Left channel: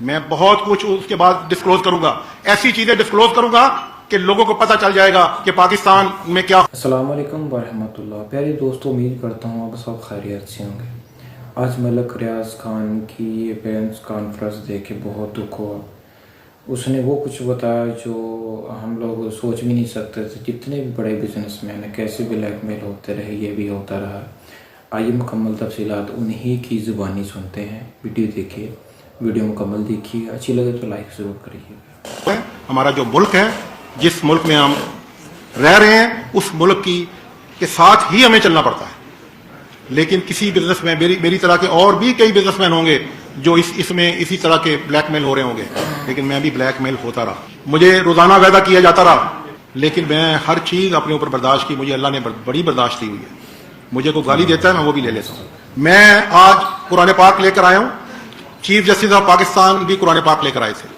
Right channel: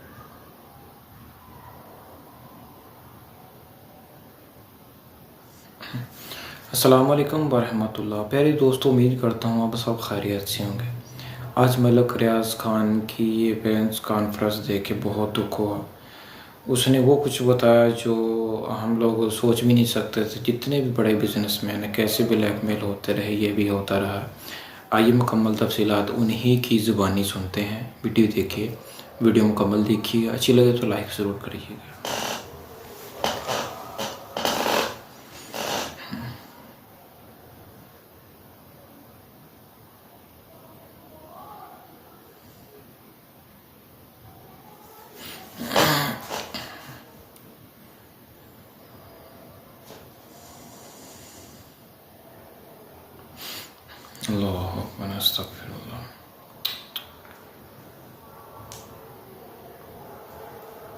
میں بہت کچھ اس کے بعد ڈسکلوز کروں گا، ایسی چیزیں ڈسکلوز کروں گا کہ لوگوں کو پتہ چل جائے گا کہ پاکستان میں کیا۔ السلام علیکم ورحمۃ اللہ۔ پیارے دوستوں، امید کرتا ہوں آپ سب خیریت سے ہوں گے۔ آج ملک ریاض خان کی یہ پریس کانفرنس دیکھ کے بہت دکھ ہوا۔ اس نے وہ کچھ بتایا جو ہم لوگ سوچ بھی نہیں سکتے تھے۔ جتنے بھی بڑے بزنس مین ہیں کیسے بلیک میل ہوتے رہے، یہ بھی ہوتا رہا۔ آئیے مکمل تفصیلات انہی کی زبانی سنتے ہیں۔ ویڈیو دیکھیے، ویڈیو مکمل دیکھیے، اچھی لگے تو لائک ضرور کریے گا۔ ہمارا جو ملک ہے، جس ملک میں ہم رہ رہے ہیں، اس ملک کے ساتھ ہی ہمیں چلنا پڑتا ہے۔ لیکن کسی بزنس میں میری طرح کے اور بھی کئی بزنس مین ہوں گے جو اس میں اسی طرح کے بلیک میل ہو رہے ہوں گے، لیکن میں بھی بلیک میل ہوتا رہا، مجھے روزانہ وعدہ کیا جاتا رہا، لیکن میں ہر چیز اپنے اوپر برداشت کی۔ مجھے اللہ نے بڑی برداشت دی ہوئی ہے۔ مجھے کوئی گالی دیتا ہے میں وہ بھی لے لیتا ہوں۔ میں آج قرآن پاک لے کر آیا ہوں۔ چیف جسٹس آف پاکستان بھی قرآن پاک لے کر آئے تھے۔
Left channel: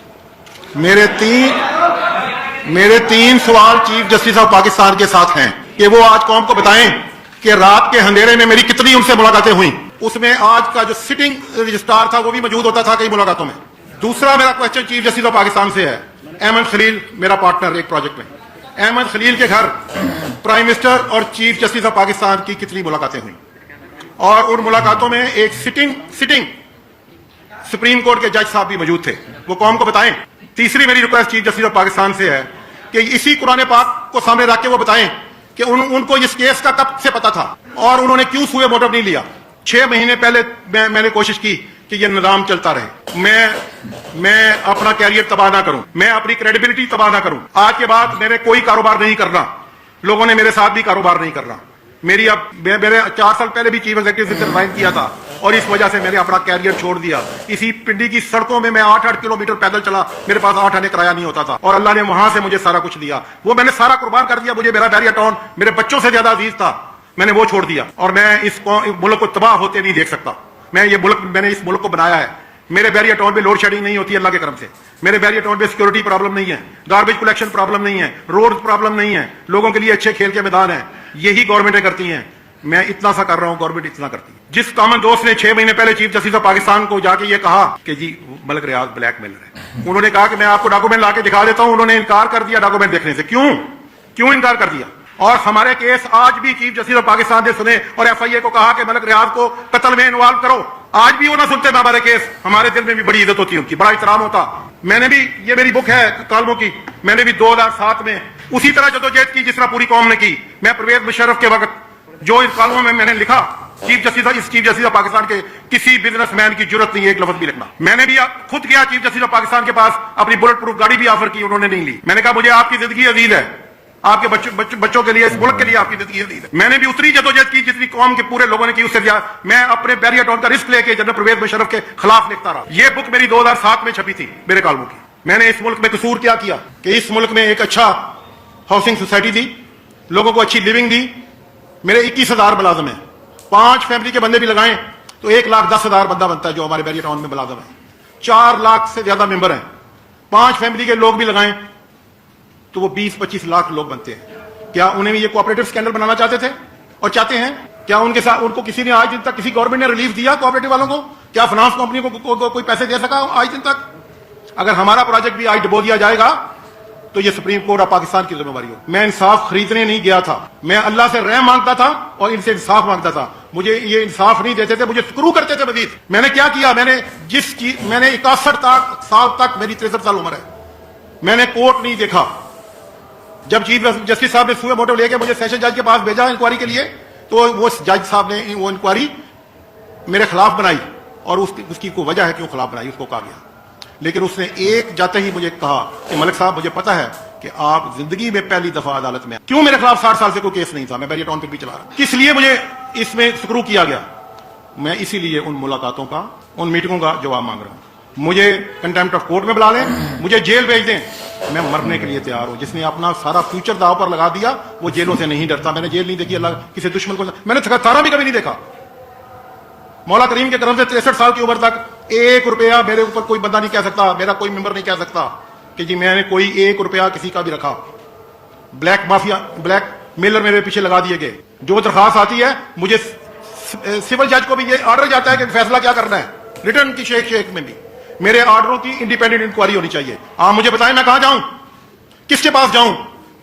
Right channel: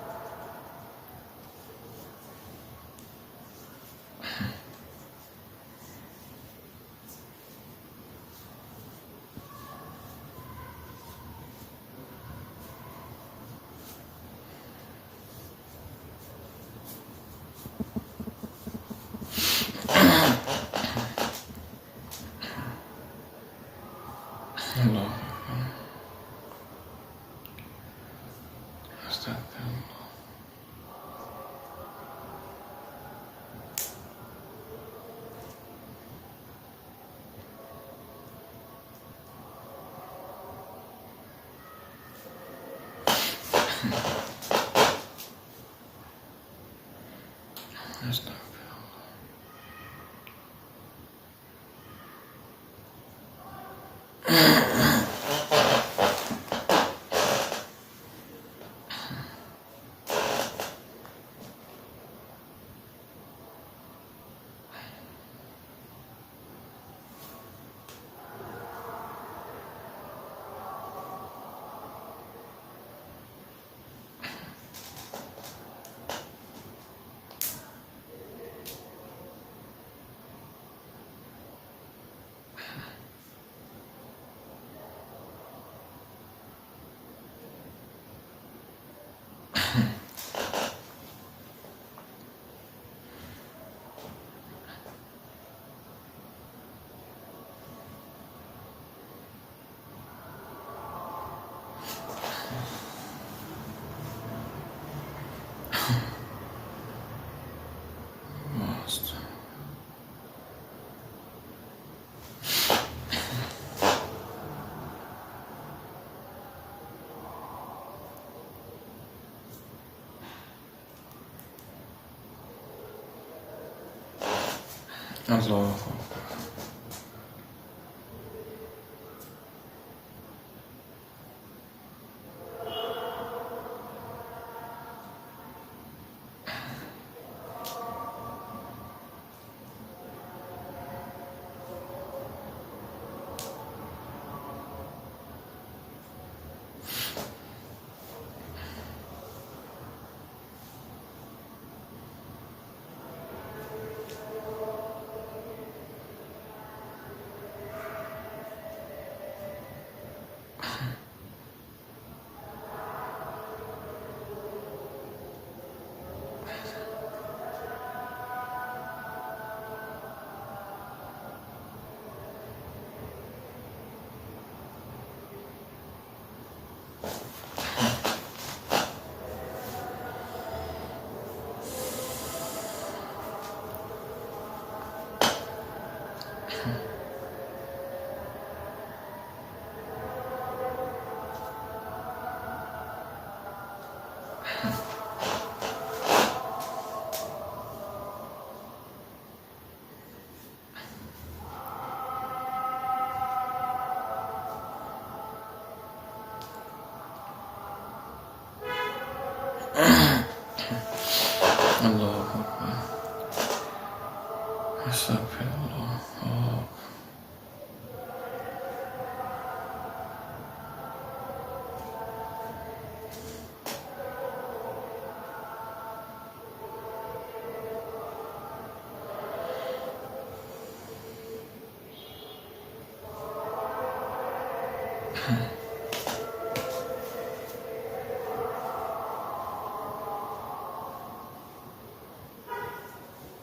میرے تین سوال چیف جسٹس آف پاکستان کے ساتھ ہیں کہ وہ آج قوم کو بتائیں کہ رات کے اندھیرے میں میری کتنی ان سے ملاقاتیں ہوئیں۔ اس میں آج کا جو سٹنگ رجسٹرار تھا وہ بھی موجود ہوتا تھا کئی ملاقاتوں میں۔ دوسرا میرا question chief justice of Pakistan سے ہے، احمد خلیل میرا پارٹنر ایک پروجیکٹ میں، احمد خلیل کے گھر پرائم منسٹر اور چیف جسٹس آف پاکستان کی کتنی ملاقاتیں ہوئیں، اور ان ملاقاتوں میں ایک سٹنگ سپریم کورٹ کے جج صاحب بھی موجود تھے، وہ قوم کو بتائیں۔ تیسری میری request chief justice of Pakistan سے ہے کہ اسی قرآن پاک کو سامنے رکھ کے وہ بتائیں کہ ان کو اس کیس کا کب سے پتا تھا اور انہوں نے کیوں سوئے موٹو نہیں لیا۔ 6 مہینے پہلے میں نے کوشش کی کہ یہ نظام چلتا رہے، میں اپنا کیریئر تباہ نہ کروں، میں اپنی کریڈیبلٹی تباہ نہ کروں۔ آج کے بعد میرے کوئی کاروبار نہیں کرنا، لوگوں نے میرے ساتھ بھی کاروبار نہیں کرنا۔ میرے 4 سال پہلے بھی چیف ایگزیکٹو سے ریزائن کیا تھا اور اس وجہ سے میں نے اپنا کیریئر چھوڑ دیا۔ اسی پنڈی کی سڑکوں میں 8 کلومیٹر پیدل چلا، میرے پاس 8 آنے کرایہ نہیں ہوتا تھا، اور اللہ نے وہاں سے مجھے سارا کچھ دیا۔ وہ میں نے سارا قربان کر دیا۔ مجھے میرا بیریا ٹاؤن میرے بچوں سے زیادہ عزیز تھا، میں نے وہ چھوڑ دیا، اور میں اس ملک کو تباہ ہوتے نہیں دیکھ سکتا۔ میں نے اس ملک کو بنایا ہے۔ میرے بیریا ٹاؤن میں لوڈ شیڈنگ نہیں ہوتی اللہ کے کرم سے، میرے بیریا ٹاؤن میں سیکورٹی پرابلم نہیں ہے، گاربیج کلیکشن پرابلم نہیں ہے، روڈ پرابلم نہیں ہے، لوگوں کے لیے اچھے کھیل کے میدان ہیں۔ یہی گورنمنٹیں کرتی ہیں۔ میں اتنا سا کر رہا ہوں، گورنمنٹ اتنا کرتی ہے۔ جس کامن دوست نے 6 مہینے پہلے چیف جسٹس آف پاکستان کو جا کے یہ کہا کہ جی ملک ریاض بلیک میلر ہے، انہوں نے کہا کہ میں آپ کو ڈاکومنٹ لا کے دکھا دیتا ہوں، انہوں نے انکار کر دیا ڈاکومنٹ دیکھنے سے۔ کیوں انکار کر دیا؟ اور ہمارے کیس آج بھی چیف جسٹس آف پاکستان نے سنے، اور ایف آئی اے کو کہا کہ ملک ریاض کو قتل میں انوالو کرو، آج بھی وہ نہ سنتے ہمارے کیس۔ ہمارے دل میں بھی بڑی عزت ہوتی ہے ان کی، بڑا احترام ہوتا۔ میں نے بھی، یہ میری بک ہے کالموں کی، میں نے بھی 2007 میں اسی طرح جدوجہد کی جس طرح پوری قوم نے کی۔ میں پرویز مشرف کے وقت جو اس کالموں میں نے لکھا، چیف جسٹس آف پاکستان کے کسی بزنس مین کی جرت نہیں ہے ایک لفظ بھی لکھنا۔ میں نے بھی خود گیا چیف جسٹس آف پاکستان کے پاس، اپنی بلٹ پروف گاڑی بھی آفر کی، انہوں نے نہیں لی۔ میں نے کہا مجھے آپ کی زندگی عزیز ہے، آپ کے بچوں کے لیے، اس ملک کے لیے آپ کی زندگی عزیز ہے۔ میں نے بھی اتنی جدوجہد کی جتنی قوم کے پورے لوگوں نے کی، اس سے زیادہ میں اپنے بیریا ٹاؤن کا رسک لے کے جنرل پرویز مشرف کے خلاف لکھتا رہا۔ یہ بک میری 2007 میں چھپی تھی میرے کالموں کی۔ میں نے اس ملک میں قصور کیا کہ اس ملک میں ایک اچھا ہاؤسنگ سوسائٹی دی، لوگوں کو اچھی لیونگ دی۔ میرے 21,000 ملازم ہیں، 5 فیملی کے بندے بھی لگائیں تو 1,10,000 بندہ بنتا ہے جو ہمارے بیریا ٹاؤن میں ملازم ہے۔ 4 لاکھ سے زیادہ ممبر ہیں، 5 فیملی کے لوگ بھی لگائیں تو وہ 20-25 لاکھ لوگ بنتے ہیں۔ کیا انہیں بھی یہ کوآپریٹو اسکینڈل بنانا چاہتے تھے اور چاہتے ہیں؟ کیا ان کے ساتھ ان کو کسی نے آج دن تک کسی گورنمنٹ نے ریلیف دیا کوآپریٹو والوں کو؟ کیا فنانس کمپنی کو کوئی پیسے دے سکا آج دن تک؟ اگر ہمارا پروجیکٹ بھی آج ڈبو دیا جائے گا تو یہ سپریم کورٹ آف پاکستان کی ذمہ داری ہو۔ میں انصاف خریدنے نہیں گیا تھا، میں اللہ سے رحم مانگتا تھا اور ان سے انصاف مانگتا تھا۔ مجھے یہ انصاف نہیں دیتے تھے، مجھے سکرو کرتے تھے مزید۔ میں نے کیا کیا؟ میں نے 61 سال تک، میری 63 سال عمر ہے، میں نے کورٹ نہیں دیکھا۔ جب چیف جسٹس صاحب نے سوئے موٹو لے کے مجھے سیشن جج کے پاس بھیجا انکوائری کے لیے، تو وہ جج صاحب نے وہ انکوائری میرے خلاف بنائی، اور اس کی کوئی وجہ ہے کیوں خلاف بنائی، اس کو کہا گیا۔ لیکن اس نے ایک جاتے ہی مجھے کہا کہ ملک صاحب مجھے پتا ہے کہ آپ زندگی میں پہلی دفعہ عدالت میں، کیوں میرے خلاف 60 سال سے کوئی کیس نہیں تھا، میں بیریا ٹاؤن پہ بھی چلا رہا، کس لیے مجھے اس میں سکرو کیا گیا؟ میں اسی لیے ان ملاقاتوں کا، ان میٹنگوں کا جواب مانگ رہا ہوں۔ مجھے کنٹیمپٹ آف کورٹ میں بلا لیں، مجھے جیل بھیج دیں، میں مرنے کے لیے تیار ہوں۔ جس نے اپنا سارا فیوچر داؤ پر لگا دیا وہ جیلوں سے نہیں ڈرتا۔ میں نے جیل نہیں دیکھی، اللہ کسی دشمن کو، میں نے تھکارا بھی کبھی نہیں دیکھا۔ مولا کریم کے کرم سے 63 سال کی عمر تک 1 روپیہ میرے اوپر کوئی بندہ نہیں کہہ سکتا، میرا کوئی ممبر نہیں کہہ سکتا کہ جی میں نے کوئی 1 روپیہ کسی کا بھی رکھا۔ بلیک مافیا، بلیک میلر میرے پیچھے لگا دیے گئے۔ جو درخواست آتی ہے مجھے سول جج کو بھی یہ آرڈر جاتا ہے کہ فیصلہ کیا کرنا ہے، ریٹرن کی شیک میں بھی میرے آرڈروں کی انڈیپینڈنٹ انکوائری ہونی چاہیے. آپ مجھے بتائیں میں کہاں جاؤں, کس کے پاس جاؤں,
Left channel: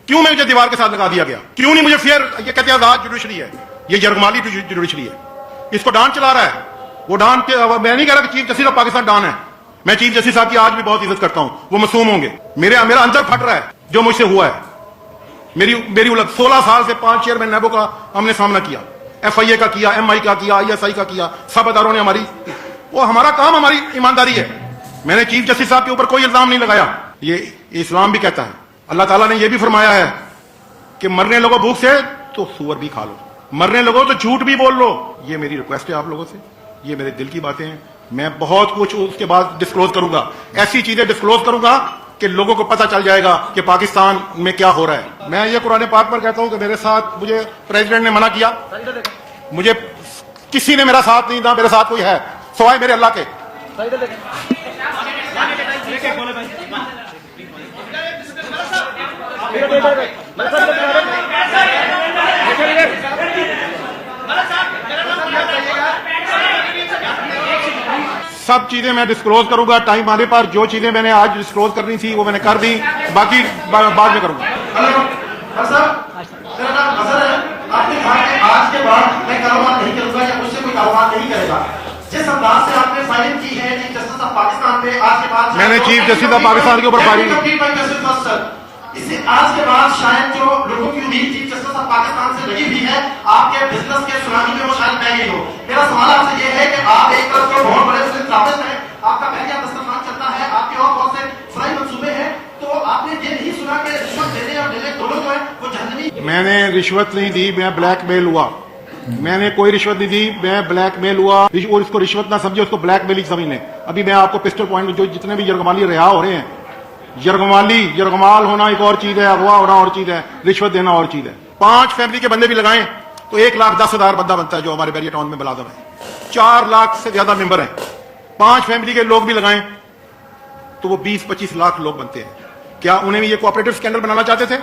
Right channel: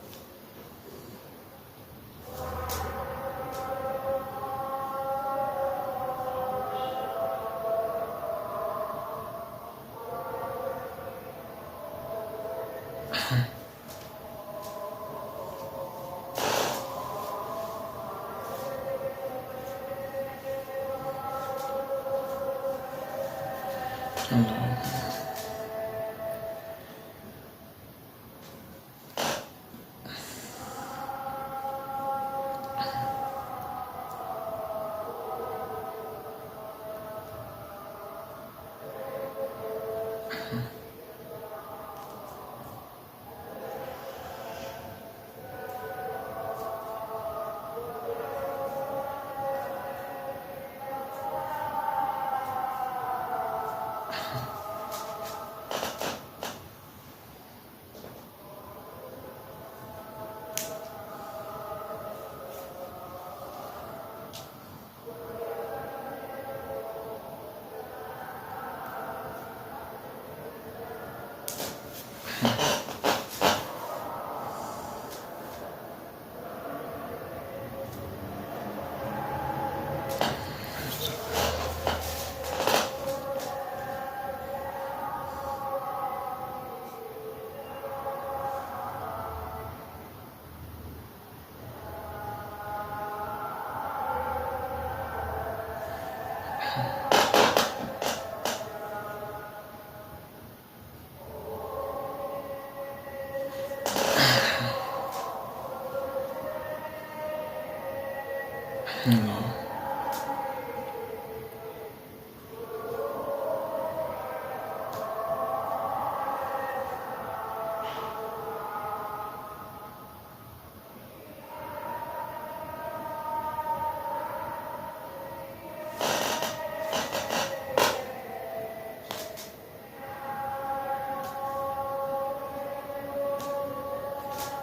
کیوں میں مجھے دیوار کے ساتھ لگا دیا گیا, کیوں نہیں مجھے فیئر, یہ کہتے ہیں آزاد جوڈیشری ہے, یہ یرغمالی جوڈیشری ہے, اس کو ڈان چلا رہا ہے. وہ ڈان میں نہیں کہہ رہا کہ chief justice of Pakistan don ہے, میں چیف جسٹس صاحب کی آج بھی بہت عزت کرتا ہوں, وہ معصوم ہوں گے. میرا اندر پھٹ رہا ہے جو مجھ سے ہوا ہے. میری 16 سال سے 5 چیئرمین نیبو کا ہم نے سامنا کیا, ایف آئی اے کا کیا, ایم آئی کا کیا, آئی ایس آئی کا کیا, سب اداروں نے ہماری, وہ ہمارا کام, ہماری ایمانداری ہے. میں نے چیف جسٹس صاحب کے اوپر کوئی الزام نہیں لگایا. یہ اسلام بھی کہتا ہے, اللہ تعالیٰ نے یہ بھی فرمایا ہے کہ مرنے لوگوں بھوک سے تو سور بھی کھا لو, مرنے لوگوں تو جھوٹ بھی بول لو. یہ میری ریکویسٹ ہے آپ لوگوں سے, یہ میرے دل کی باتیں ہیں. میں بہت کچھ اس کے بعد ڈسکلوز کروں گا, ایسی چیزیں ڈسکلوز کروں گا کہ لوگوں کو پتہ چل جائے گا کہ پاکستان میں کیا ہو رہا ہے. میں یہ قرآن پاک پر کہتا ہوں کہ میرے ساتھ, مجھے پریزیڈنٹ نے منع کیا, مجھے کسی نے میرا ساتھ نہیں دیا, میرے ساتھ کوئی ہے سوائے میرے اللہ کے. سب چیزیں میں ڈسکلوز کروں گا ٹائم آنے پر. جو چیزیں میں نے آج ڈسکلوز کرنی تھی وہ میں نے کر دی, باقی بعد میں کروں گا. آپ نے کہا کہ آج کے بعد میں کاروبار نہیں کروں گا یا مجھ سے کوئی کاروبار نہیں کرے گا. جس انداز سے آپ نے فائرنگ کی ہے چیف جسٹس آف پاکستان پہ, آج کے بعد میں نے چیف جسٹس آف پاکستان کے اوپر فائرنگ اس سے آج کے بعد شاید جو لوگوں کی امید چیف جسٹس آف پاکستان سے لگی ہوئی ہے آپ کے بزنس کے سنامی میں وہ شاید بہ گئی ہو. میرا سوال آپ سے یہ ہے کہ آپ ایک طرف جو بہت بڑے ثابت ہیں, آپ کا پہلے دسترخوان چلتا ہے, آپ کے اور بہت سے فرائی منصوبے ہیں, تو آپ نے یہ نہیں سنا کہ رشوت دینے اور لینے دونوں جو ہے وہ جہنمی. میں نے رشوت نہیں دی, میں بلیک میل ہوا. میں نے کوئی رشوت نہیں دی, میں بلیک میل ہوا. اور اس کو رشوت نہ سمجھے, اس کو بلیک میل ہی سمجھ لیں. ابھی میں آپ کو پسٹل پوائنٹ جو جتنے بھی یرغمالی رہا ہو رہے ہیں, یرغمال ہونا ایک اور چیز ہے, اغوا ہونا اور چیز ہے, رشوت دینا اور چیز ہے. 5 فیملی کے بندے بھی لگائیں تو 1,10,000 بندہ بنتا ہے جو ہمارے بیریا ٹاؤن میں ملازم ہے. 4 لاکھ سے زیادہ ممبر ہیں. 5 فیملی کے لوگ بھی لگائیں تو وہ 20-25 لاکھ لوگ بنتے ہیں. کیا انہیں بھی یہ کوآپریٹو اسکینڈل بنانا چاہتے تھے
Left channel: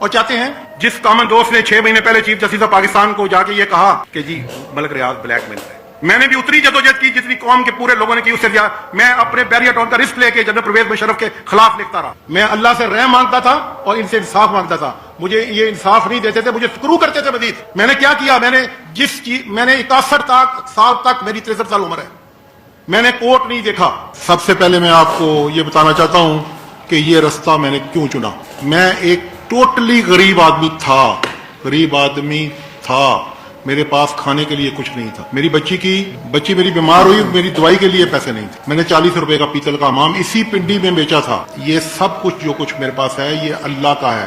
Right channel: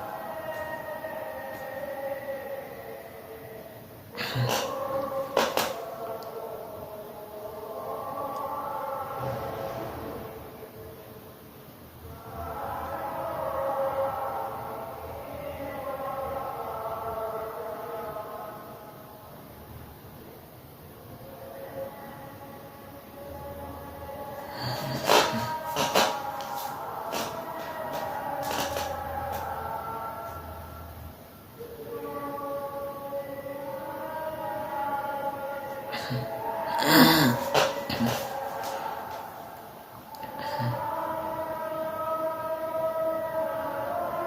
اور چاہتے ہیں؟ جس کامن دوست نے 6 مہینے پہلے چیف جسٹس آف پاکستان کو جا کے یہ کہا کہ جی ملک ریاض بلیک میل ہے, میں نے بھی اتنی جدوجہد کی جتنی قوم کے پورے لوگوں نے کی, اس سے دیا. میں اپنے بیریا ٹاؤن کا رسک لے کے جنرل پرویز مشرف کے خلاف لکھتا رہا. میں اللہ سے رحم مانگتا تھا اور ان سے انصاف مانگتا تھا. مجھے یہ انصاف نہیں دیتے تھے, مجھے سکرو کرتے تھے مزید. میں نے کیا کیا, میں نے جس چیز, میں نے 61 سال تک, میری 63 سال عمر ہے, میں نے کورٹ نہیں دیکھا. سب سے پہلے میں آپ کو یہ بتانا چاہتا ہوں کہ یہ رستہ میں نے کیوں چنا. میں ایک ٹوٹلی غریب آدمی تھا, میرے پاس کھانے کے لیے کچھ نہیں تھا. میری بچی میری بیمار ہوئی, میری دوائی کے لیے پیسے نہیں تھے. میں نے 40 روپے کا پیتل کا حمام اسی پنڈی میں بیچا تھا. یہ سب کچھ جو کچھ میرے پاس ہے یہ اللہ کا ہے,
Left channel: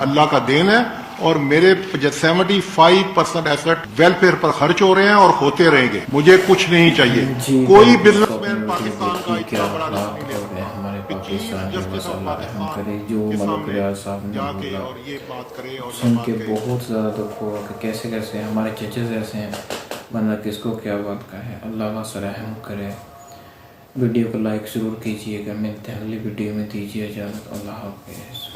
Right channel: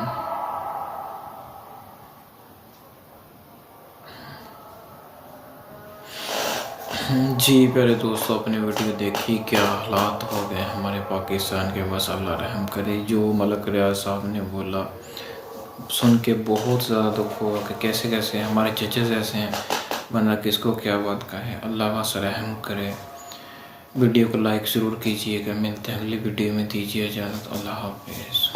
اللہ کا دین ہے. اور میرے 75% ایسٹ ویلفیئر پر خرچ ہو رہے ہیں اور ہوتے رہیں گے. مجھے کچھ نہیں چاہیے. جی کوئی بزنس اپنی ویڈیو دیکھی کیا حالات ہو گئے ہمارے پاکستان کے, بس اللہ رحم کرے. جو ملک ریاض صاحب نے بولا سن کے بہت زیادہ دکھ ہوا کہ کیسے کیسے ہمارے ججز ایسے ہیں, بندہ کس کو کیا بات کہے. اللہ بس رحم کرے. ویڈیو کو لائک ضرور کیجیے گا. ملتے ہیں اگلی ویڈیو میں, دیجیے اجازت. اللہ حافظ.